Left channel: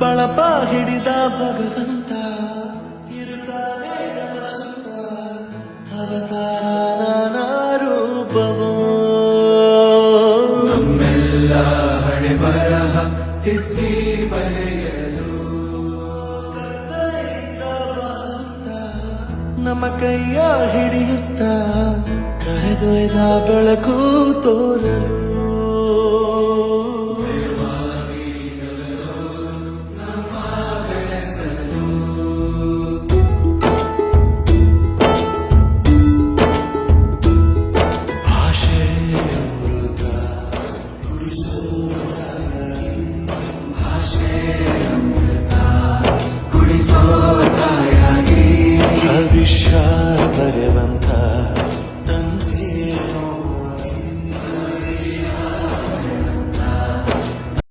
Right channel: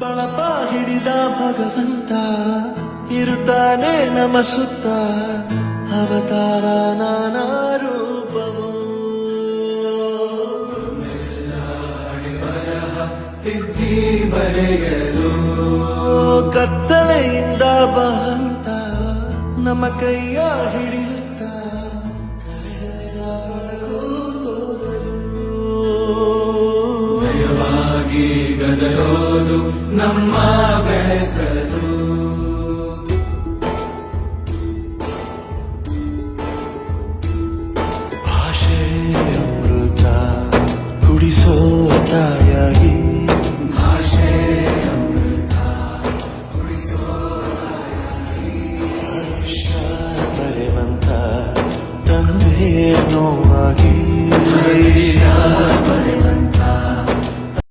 ಬಳಪ ಹಿಡಿದ ಭಗವಂತ ಇರುತ್ತಾನೆ ನಮ ಸುತ್ತ ಅವತಾರ ನಾನಾ ರೂಪವೋ ನಮ್ಮೆಲ್ಲ ಹಣೆ ಬರಹ ತಿದ್ದಿ ಬರೆಯಲು ಕತ್ತಲೆಯಿಂದ ಬಹಂತ ನಮ್ಮ ಕೈಯ ಹಿಡಿಯುತ್ತ ಕರೆದೊಯ್ದ ಬೆಳಕು ತೋರಲು